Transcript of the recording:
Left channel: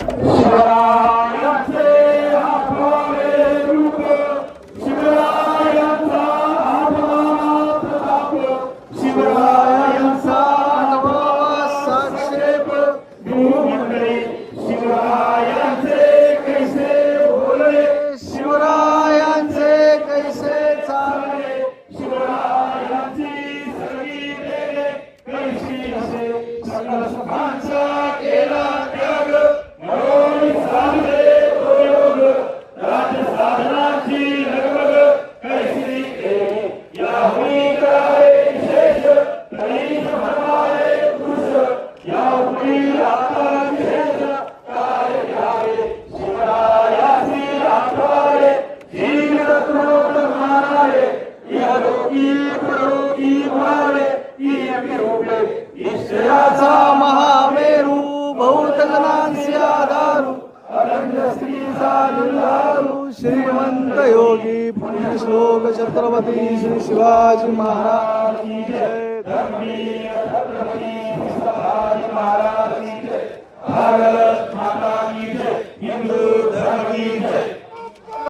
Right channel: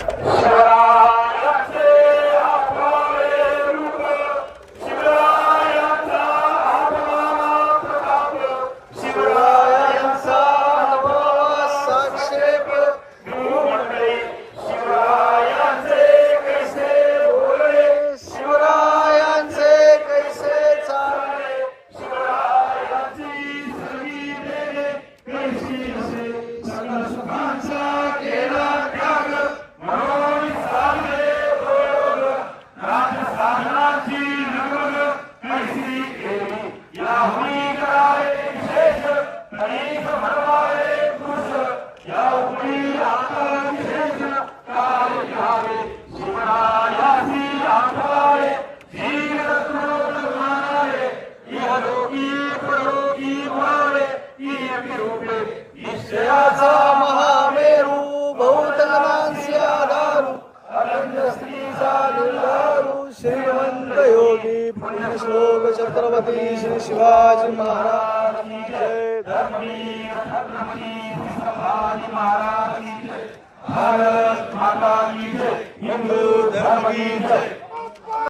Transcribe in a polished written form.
शिवरायाचे आठवावे रूप, शिवरायांचा आठवावा प्रताप, शिवरायांचा आठवावा संक्षेप. गुरुमंडळी शिवरायांचे कैसे बोलले, शिवरायांचे कैसे चालले, शिवरायांची सरी देले कैसी असे. सगळ्या सुखांचा केला त्याग, म्हणून सांगे प्रयोग. राजसाधनाची लगबग कैसी केली, याहुनी करावे विशेष. गणेश म्हणवारे पुरुष, याहुनी आता विशेष काय घ्यावे. शिवरायासी आठवावे, जीवरत्नोत मानावे. इहलोकी परलोकी व्हावे, इयकी रूपे ईश्वराचा महामेरू. बहुजनांची आधारू, अनंत स्त्रीचा निर्धारू. श्रीमंत योगी पुण्यश्लोक छत्रपती श्री शिवाजी महाराज की जय. धर्मीय छत्रपती शिवाजी महाराज की जय. भारत माता की जय. हिंदू धर्म की जय.